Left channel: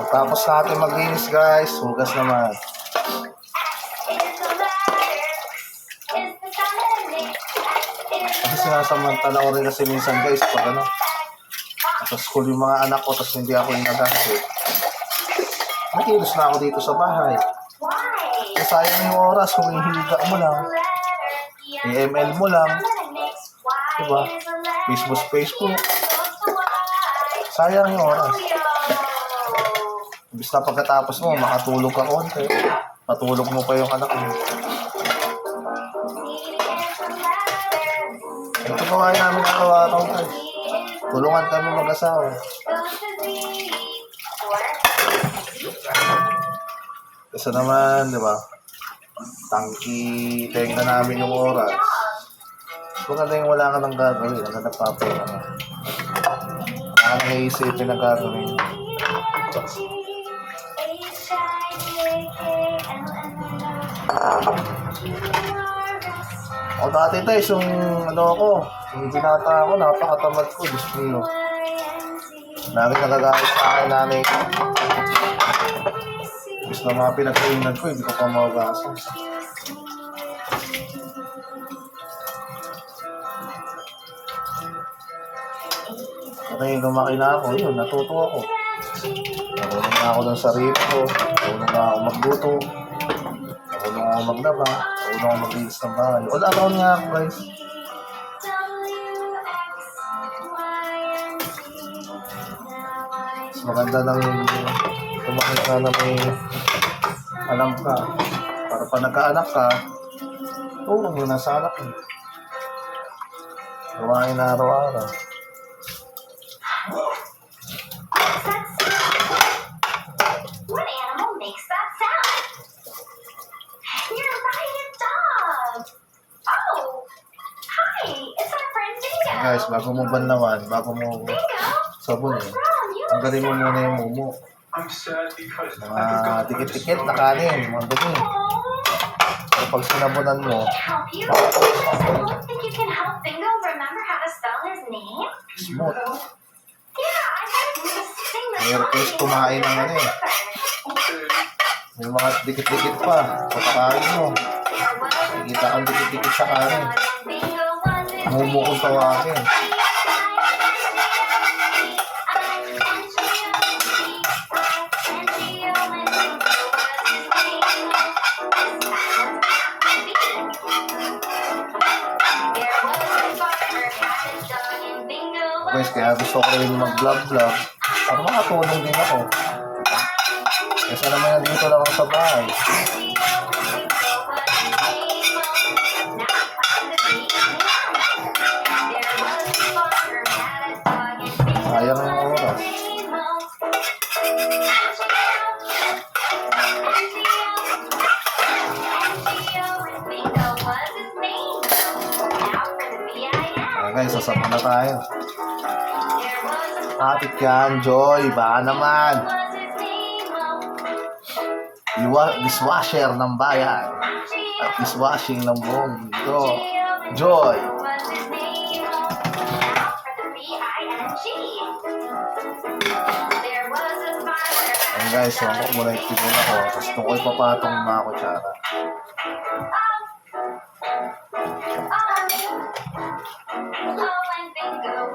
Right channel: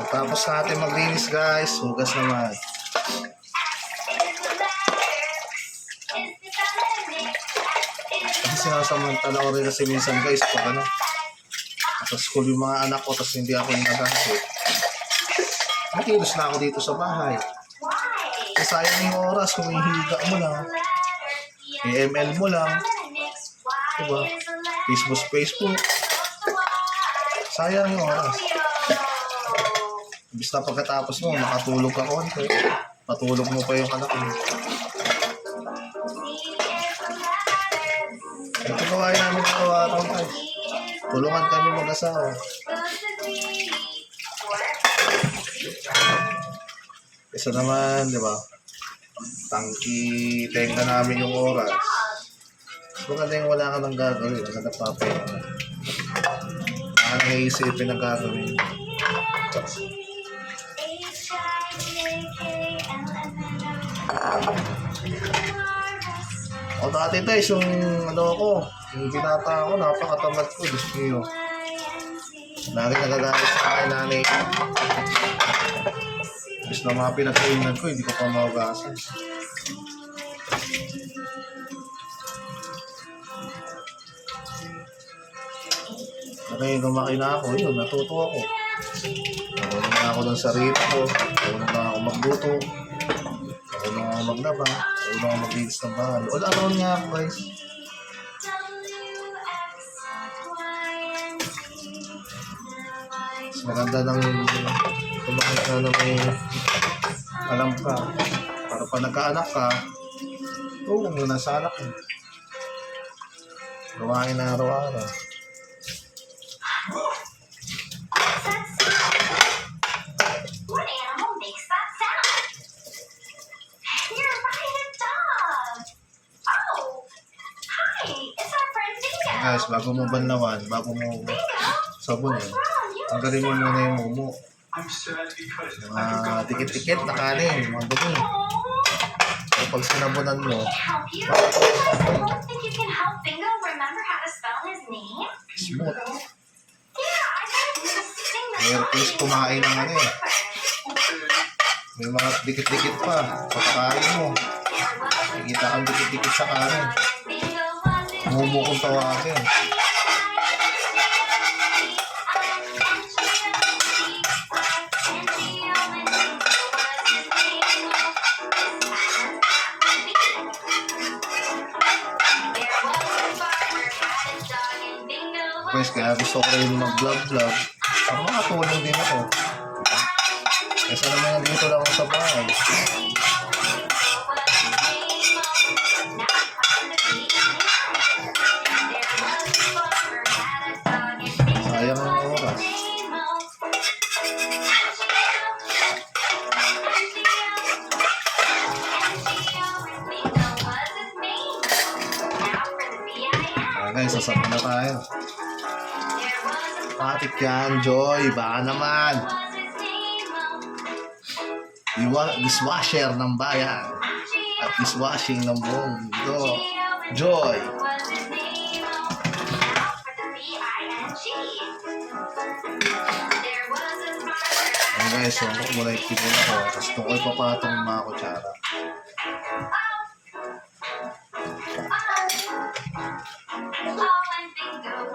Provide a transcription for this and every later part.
Pagkatapos natin maglinis guys, hugas naman. Kasi sinasamantala ko rin kasi minsan guys, pag ano, sa school yung mga anak ko, tapos hindi ako inaganto. Nakilos na ako dito sa bahay. Sayang yung oras, humihiga mo lang. ML mo lang. Diba? Facebook. Sayang yung oras. Ibig na pagkatapos mo, makatulog ka konti. Patulog mo pa yung anak mo. Ito po kayo namin araw-araw guys. Tulungan kami mag-asawa. Isa naman, di ba? Tangki, tenga namin yung oras. Maganda yung wala ka nang gagawin. Ang nagpapera ka. Ang naisipin ang gagawin. O dati tayo, yung ano ako, yung binata ako, napakatamad ko. Gusto nyo. Lagi nagagalit sa akin, nanay ko. Gusto na mga pinagkainan ko, hindi ko pa mawagasan. Okay, lumaki na ako, yun, natuto ako. Marunong na ako ng sarili ko, marunong na ako magluto, marunong na ako maglaba, marunong na ako maglinis ng bahay. All around nga ako guys. Mas maganda nang tumakit ka na may alam ka. Para pa nagkaanak ka, tulong yun nasa anak mo. Gawain na araw-araw. What animal makes that sound? You're right, a dog. Oh, hi, it's our friend Dingo. Guys, bago mo banlawan, bago mo sabunin, tanggalin mo muna yung mumo. Mga dikit-dikit na kanin, mga dumi. So, pag sinabunan mo, Help you? Don't think you can help Bingo remember how to spell his name? smooth. Yeah, I heard you sing the May request kumain ng ano eh. May mga dikit-dikit pa sa pakain mo. Nakikita kang dikit-dikit sa kanin. Mumo kong tawagin. Guys, kaya gusto ko rin mag-vlog para makatulong din ako. Kasi naman nandito lang ako sa bahay. Sayang ang oras. Guys, sasama na tayo. Patik yan, Joy. Baka naman. Dishwasher ng bayan. At dishwashing ng buong mundo. Joy. Ayan guys, so ako muna itigil ako. Tapos ito ko ipapatong ng mga kutsara.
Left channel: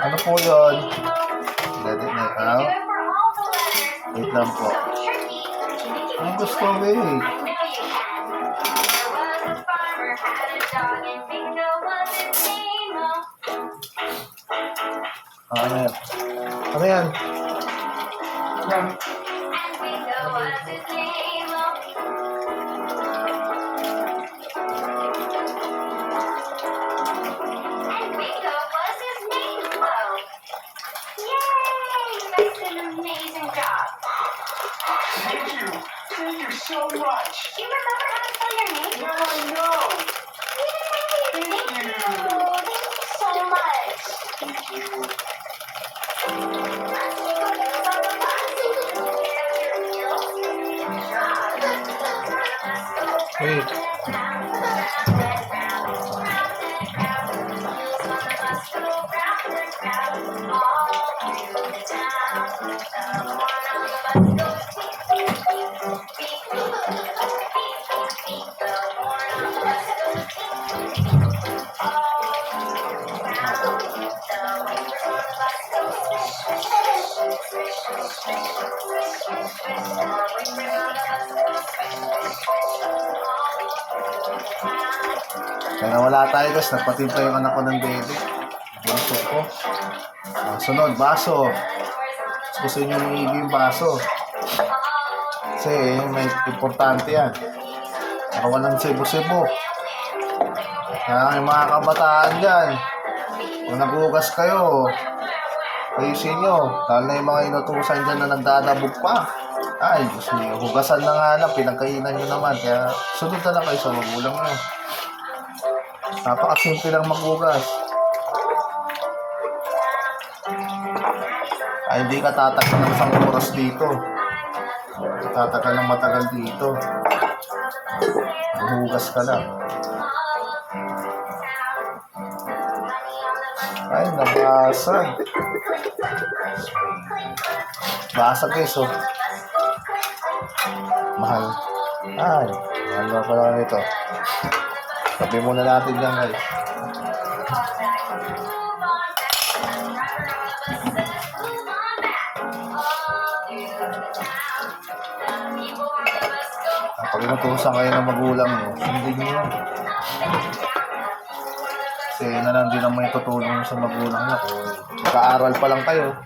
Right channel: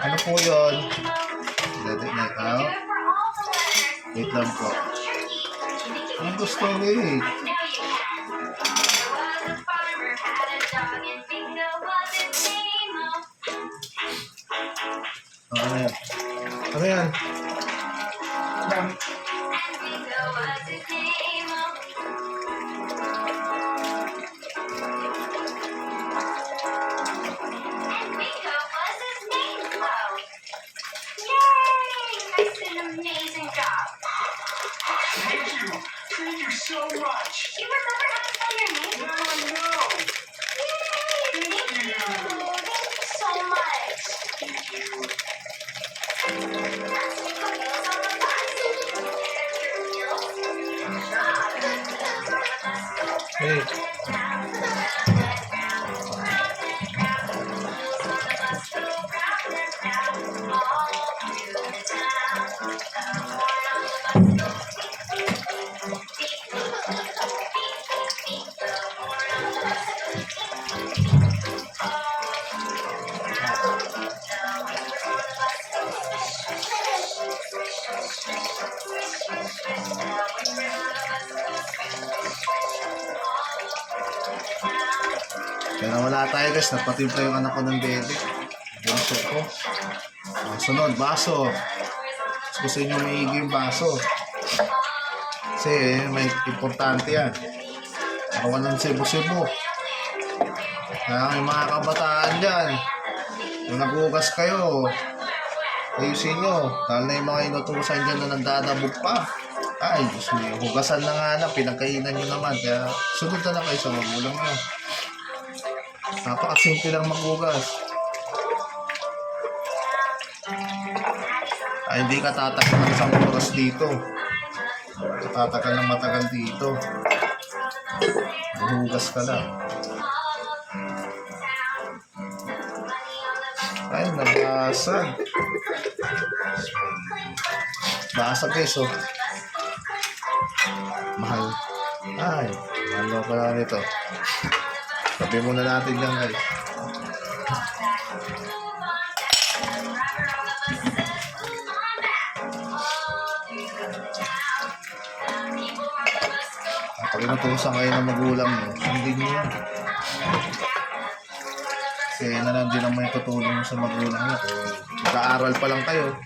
Ano po yun? Let it night out. Wait lang po. Ang gusto wait. Ano yan? Ano yan? Thank you so much. You remember how to spell your name? Now I know. Yay! Thank you. Thank you so much. Thank you. Wait. Kaya nawala tayo guys, nagpatimpla yung anak ko ng dede. Baso ko. Sunod, baso. Gusto nyo maigi yung baso. Kasi may importante yan. Nakawalan sibo-sibo. Kaya yung mga kabataan dyan, kung naghugas kayo, ayusin nyo. Dahil na yung mga inutusan dyan na nagdadabog pa. Ay, gusto nyo. Hugasan na nga lang, pinagkainan nyo naman. Kaya sunod na lang kayo sa magulang nyo. Napakasimple lang maghugas. Ay, hindi ka tatagal ng isang oras dito. Tatagal ng matagal dito. Hugas ka lang. Ay, nabasag. Basag guys, oh. Mahal. Ay, mahal na pala nito. Sabi muna natin yan guys. Pag inutusan kayo ng magulang nyo, sundin nyo yan. Kasi yun na lang din naman yung tutulong nyo sa magulang nyo. Mag-aaral pa lang kayo.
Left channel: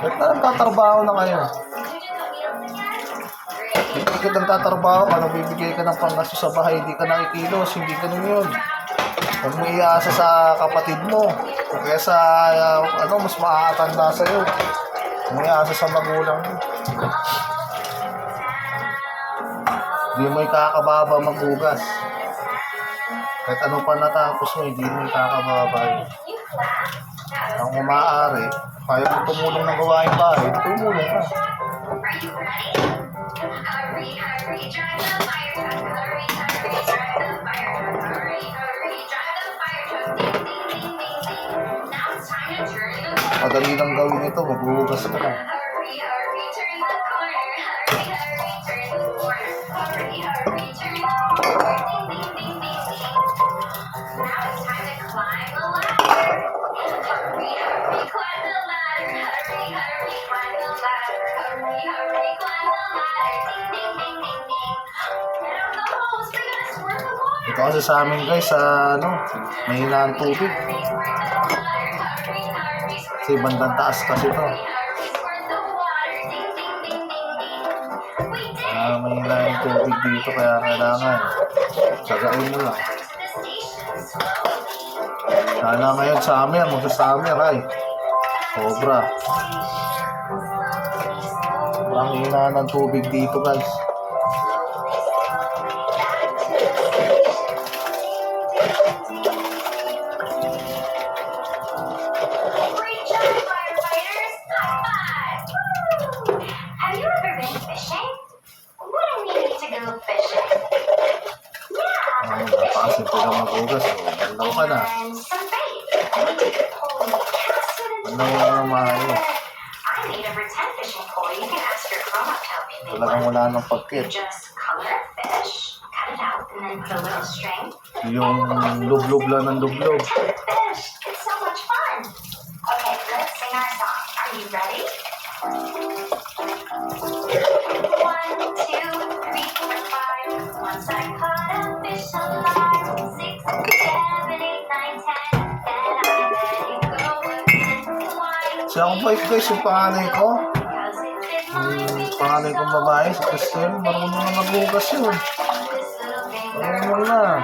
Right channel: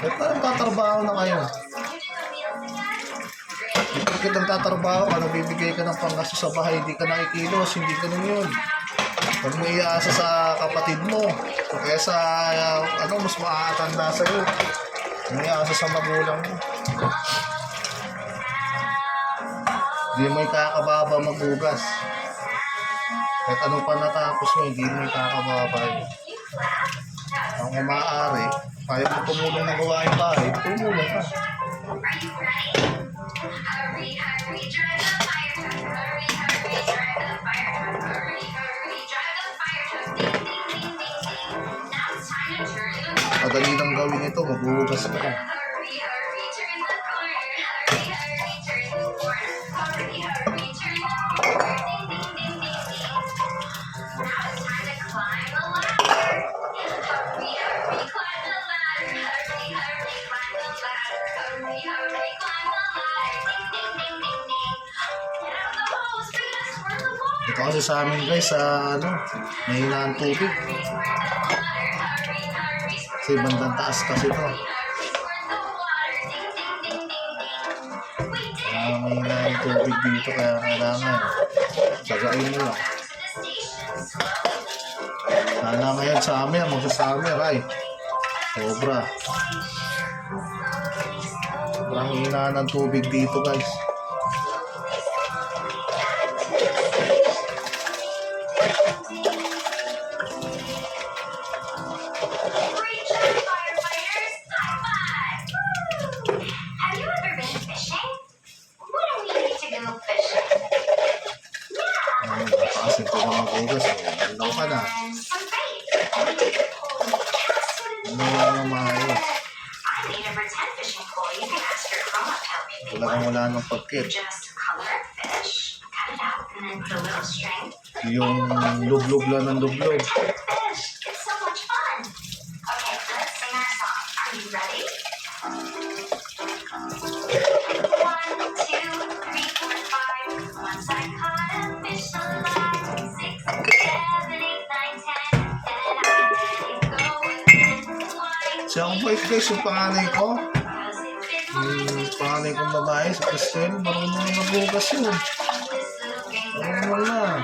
Kahit na nagtatrabaho na kayo. Hindi ka nagtatrabaho ka, nabibigay ka ng panggasto sa bahay, hindi ka nakikilos, hindi ganun yun. Huwag mo iasa sa kapatid mo. O kaya sa, mas makakatanda sa'yo. Huwag mo iasa sa magulang mo. Hindi mo ikakababa maghugas. Kahit anong pa natapos mo, hindi mo ikakababa yun. Ang umaari, kaya mo tumulong ng gawain bahay, tumulong ka. Madali lang gawin ito, maghuhugas ka lang. Ito kasi sa amin guys, mahina ang tubig. Kasi bandang taas kasi ito. Mahina ang tubig dito, kaya kailangan tsagain mo lang. Sana ngayon summer, magsa-summer ay sobra. Sobrang hina ng tubig dito guys. Napakasimple lang maghugas. Banlaw ka na. Banlaw ka na maayos. Talagang wala ng pagkit. Yung lublog lang ng lublog. Siya akong bait guys, yung panganay ko. Yung panganay kong babae, si Christine, marunong na maghugas yun. Marunong na.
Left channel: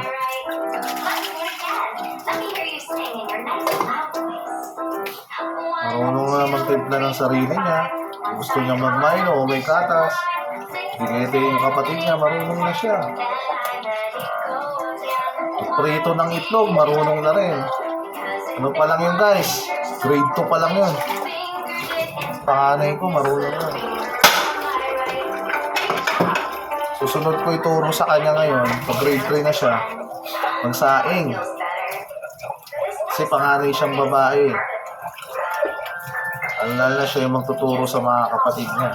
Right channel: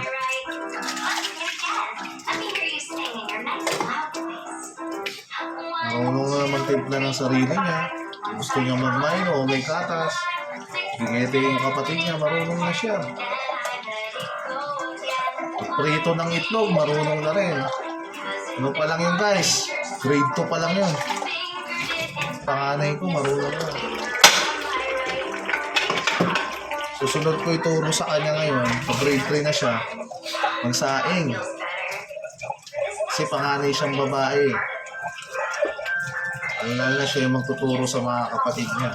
Marunong na magtimpla ng sarili niya. Gusto niya mag-milo o may katas. Bigete yung kapatid niya, marunong na siya. Prito ng itlog, marunong na rin. Ano pa lang yun guys? Grade 2 pa lang yun. Panganay ko, marunong na. Susunod ko ituro sa kanya ngayon, pag grade 3 na siya, magsaing. Kasi panganay siyang babae. Lalo na siya yung magtuturo sa mga kapatid niya.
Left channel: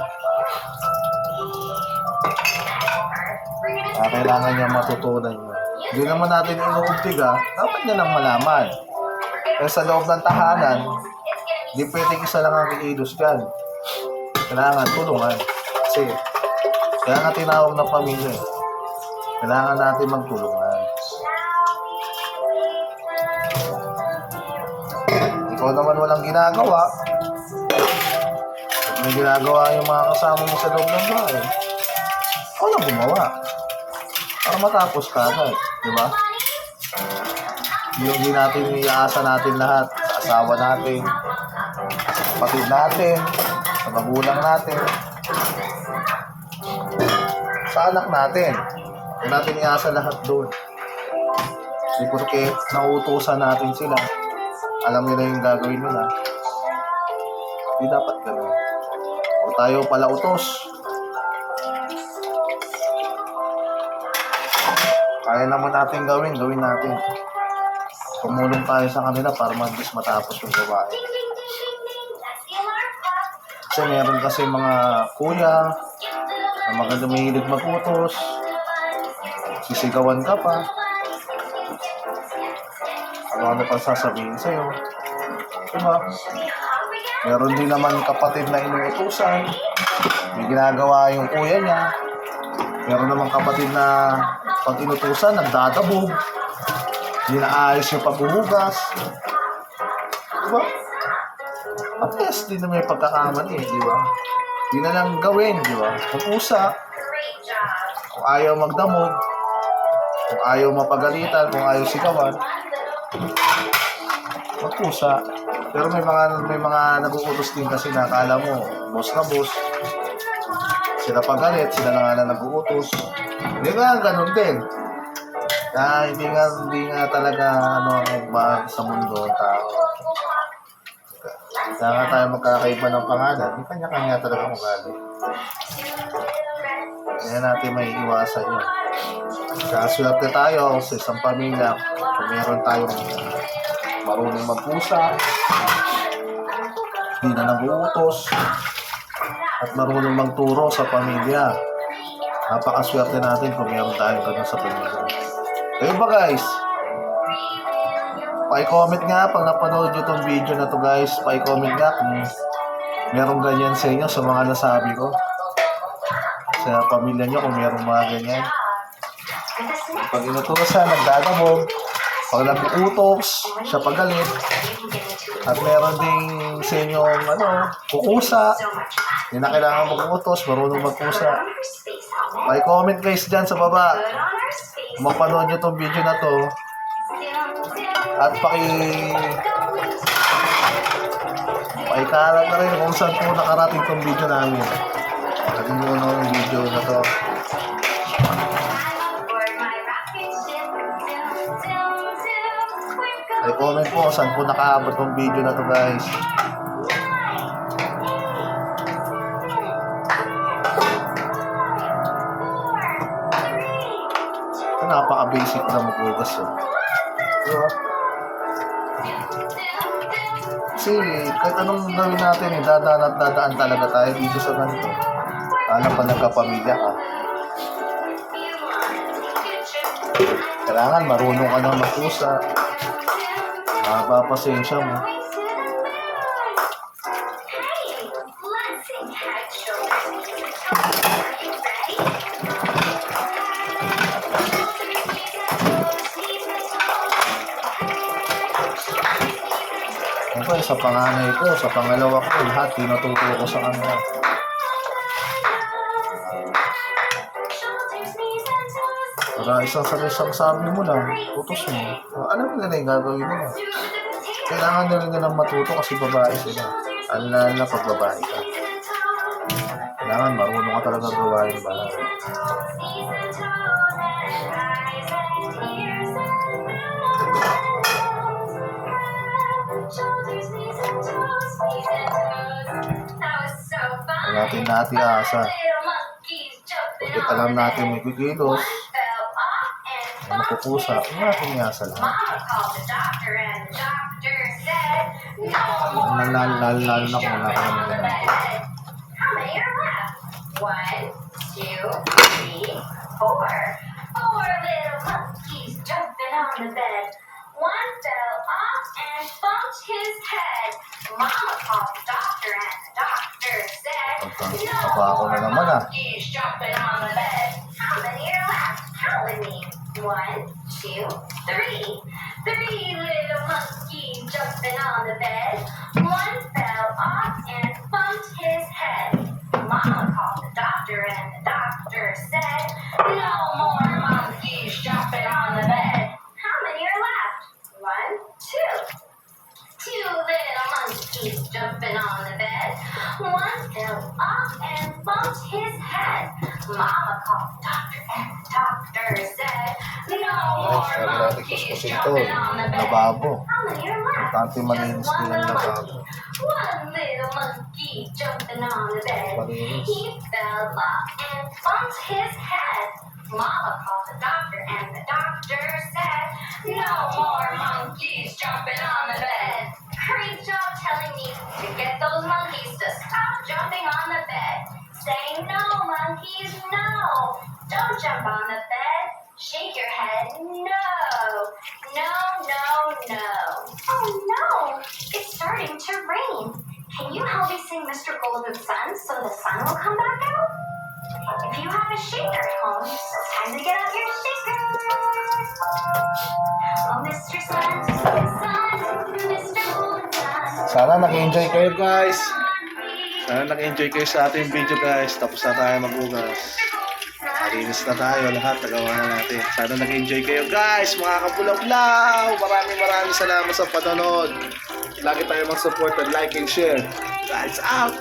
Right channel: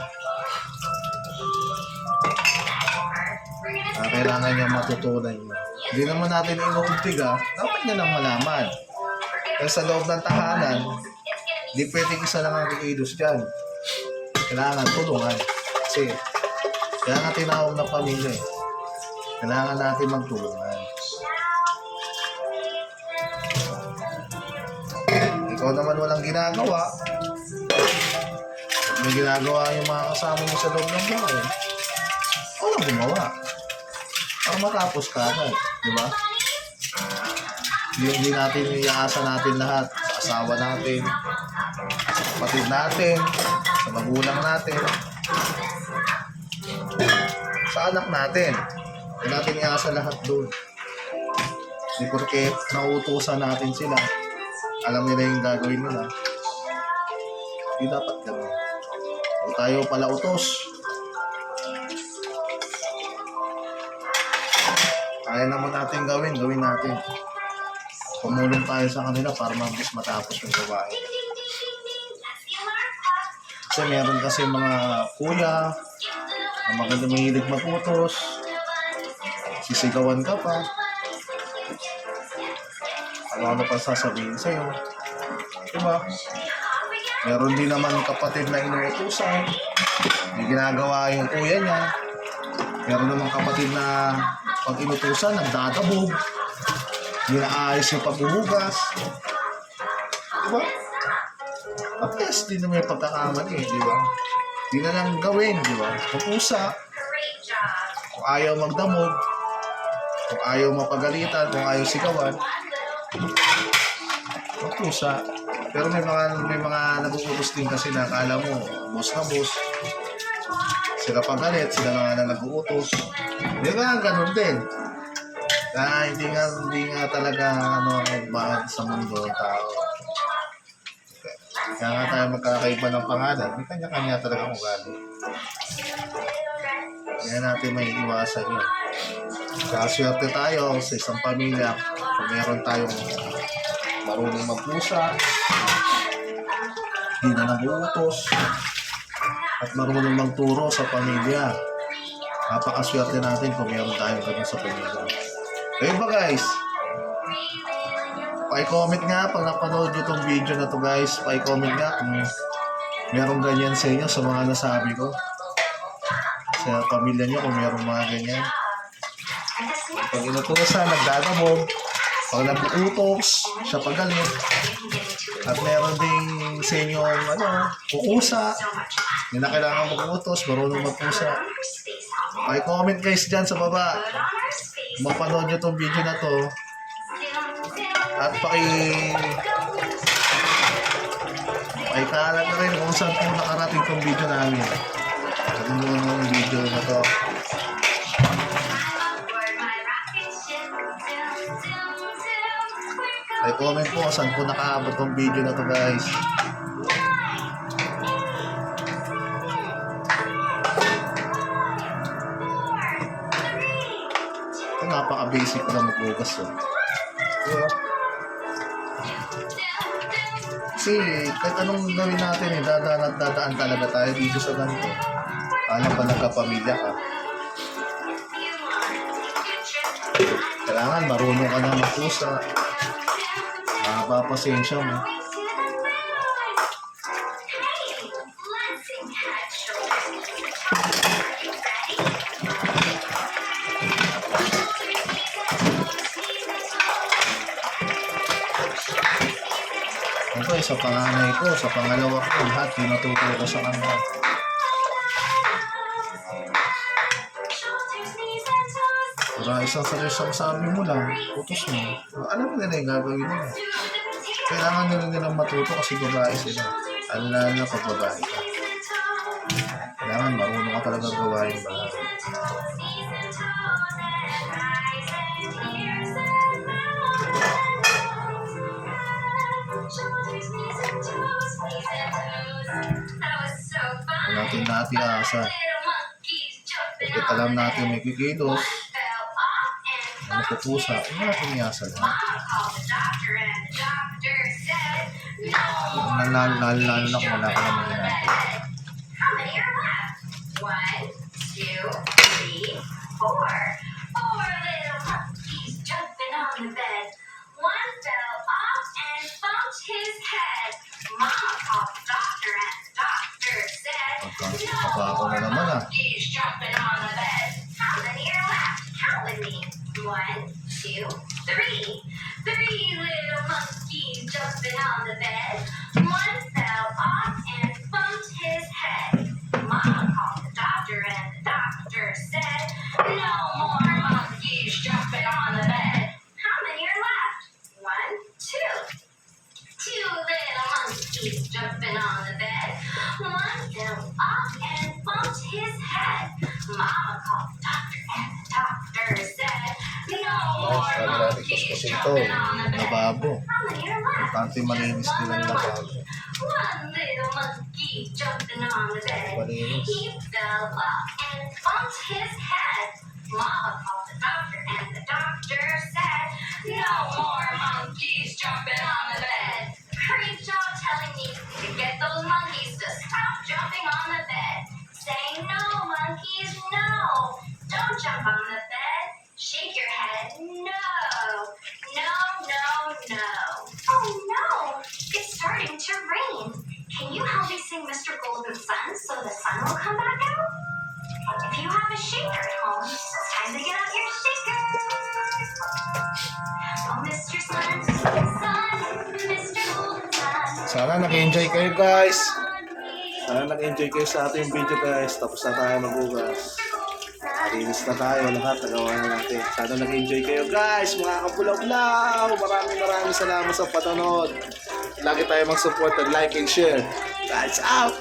Kailangan niya matutunan niya. Hindi naman natin inuubtiga, dapat niya lang malaman. Kaya sa loob ng tahanan, hindi pwedeng isa lang ang kikilos dyan. Kailangan tulungan. Kasi, kaya nga tinawag na pamilya. Kailangan natin magtulungan. Ikaw naman walang ginagawa. At may ginagawa yung mga kasama mo sa loob ng bahay. Ako lang gumawa. Para matapos ka agad. Di ba? Yung di natin iaasa natin lahat. Sa asawa natin. Sa kapatid natin. Sa magulang natin. Sa anak natin. Huwag natin iasa lahat doon. Di porke nauutusan natin sila. Alam nila yung gagawin nila. Hindi dapat ganun. O tayo pala utos. Kaya naman natin gawin natin. Tumulong tayo sa kanila para mabilis matapos yung gawain. Kasi meron kasi mga kuya na maganda mahilig maputos. Sisigawan ka pa. Ano pa sasabihin sa'yo. Diba? Meron din naman kapatid na inuutusan. May ginagawa yung kuya niya. Meron naman kapatid na pag inutusan, nagdadabog. Hindi naayos yung paghuhugas. Diba? At least, di na may pagkakamali, di ba? Di na lang gawin, di ba? Kung usa, kung ayaw magdamog, kung ayaw mapagalitan, kung ayaw sigawan, magpusa. Pero may mga nag-uutos din kasi na akala mo, boss na boss. Sila pagalit, sila na nga na nag-uutos. Hindi nga, ganun din. Kaya hindi nga talaga magbahan sa mundo ang tao. Kaya nga tayo magkakaiba ng pangalan, may kanya-kanya talaga ugali. Kaya natin may iwasan yun. Kaswerte tayo sa isang pamilya kung meron tayong marunong magpusa, hindi na nag-uutos, at marunong magturo sa pamilya. Napakaswerte natin kung meron tayong ganun sa pamilya. Kaya ba guys? Pa-comment nga pag napanood nyo itong video na to guys. Pa-comment nga kung merong ganyan sa inyo sa mga nasabi ko. Sa pamilya nyo kung merong mga ganyan. Pag inutusan, nagdadabog. Pag nag-uutos, siya pagalit. At meron ding sa inyong kukusa. Hindi na kailangan mag-uutos, marunong magkusa. Pa-comment guys dyan sa baba. Kung mapanood nyo itong video na to. At pakikalat na rin kung saan po nakarating itong video namin. At yung video na to. Ay comment po saan po nakaabot itong video na to guys. Ito napaka-basic na maghugas yun. Diba? Kasi kahit anong gawin natin, dadaan at dadaan talaga tayo dito sa ganito. Alam pa nagkapamilya ka. Kailangan marunong ka na magpusa. Mapapasensya mo. Okay, sa panganay ko, sa pangalawa ko, lahat pinatuto ko sa kanila. Para isang sabi mo lang, utos mo. Alam mo nila yung gagawin nila. Kailangan nila nilang matuto kasi babae sila. Alam na pag babae ka. Kailangan marunong ka talaga gawain bahay. Natin asa. Pagkat alam natin may kikilos, na mapupusa, natin iasa lahat. Lalo na kung wala ka naman natin. How many are left? 1, 2, 3, 4. 4 little monkeys jumping on the bed. One fell off and bumped his head. Mama called the doctor and the doctor said, Papa ako na naman monkeys jumping on the bed. How many are left? Count with me. 1, 2, 3. 3 little monkeys jumping on the bed. One fell off and bumped his head. Mama called the doctor and the doctor said, no more monkeys jumping on the bed. How many are left? 1, 2. Two little monkeys jumping on the bed. One fell off and bumped his head. Mama called the doctor and the doctor said, no Ay, more sabi natin monkeys kuskusin to. jumping on the bed. Lababo. How many are left? Importante malinis Just din one ang little lababo. monkey. One little monkey jumping on the bed. Malinis. He fell off and bumped his head. Mama called the doctor and the doctor said, no more monkeys jumping on the bed. Great job telling me to get those monkeys to stop jumping on the bed. Say no, monkeys, no. Don't jump on the bed. Shake your head, no. No, no, no. Oh no, it's starting to rain. Can you help me sing Mr. Golden Sun so the sun will come back out? If you have a shaker at home, it's time to get out your shaker. Oh, Mr. Sun, Mr. Golden Sun. Sana nag-enjoy kayo guys. on me. Sana nag-enjoy kayo sa ating video guys. Tapos na tayo maghugas. Mr. Golden Sun. Malinis na tayo lahat. Nagawa na natin. Sana nag-enjoy kayo guys. Mga kapulaw-law. Maraming salamat sa panonood. Lagi tayo mag-support and like and share. Guys out!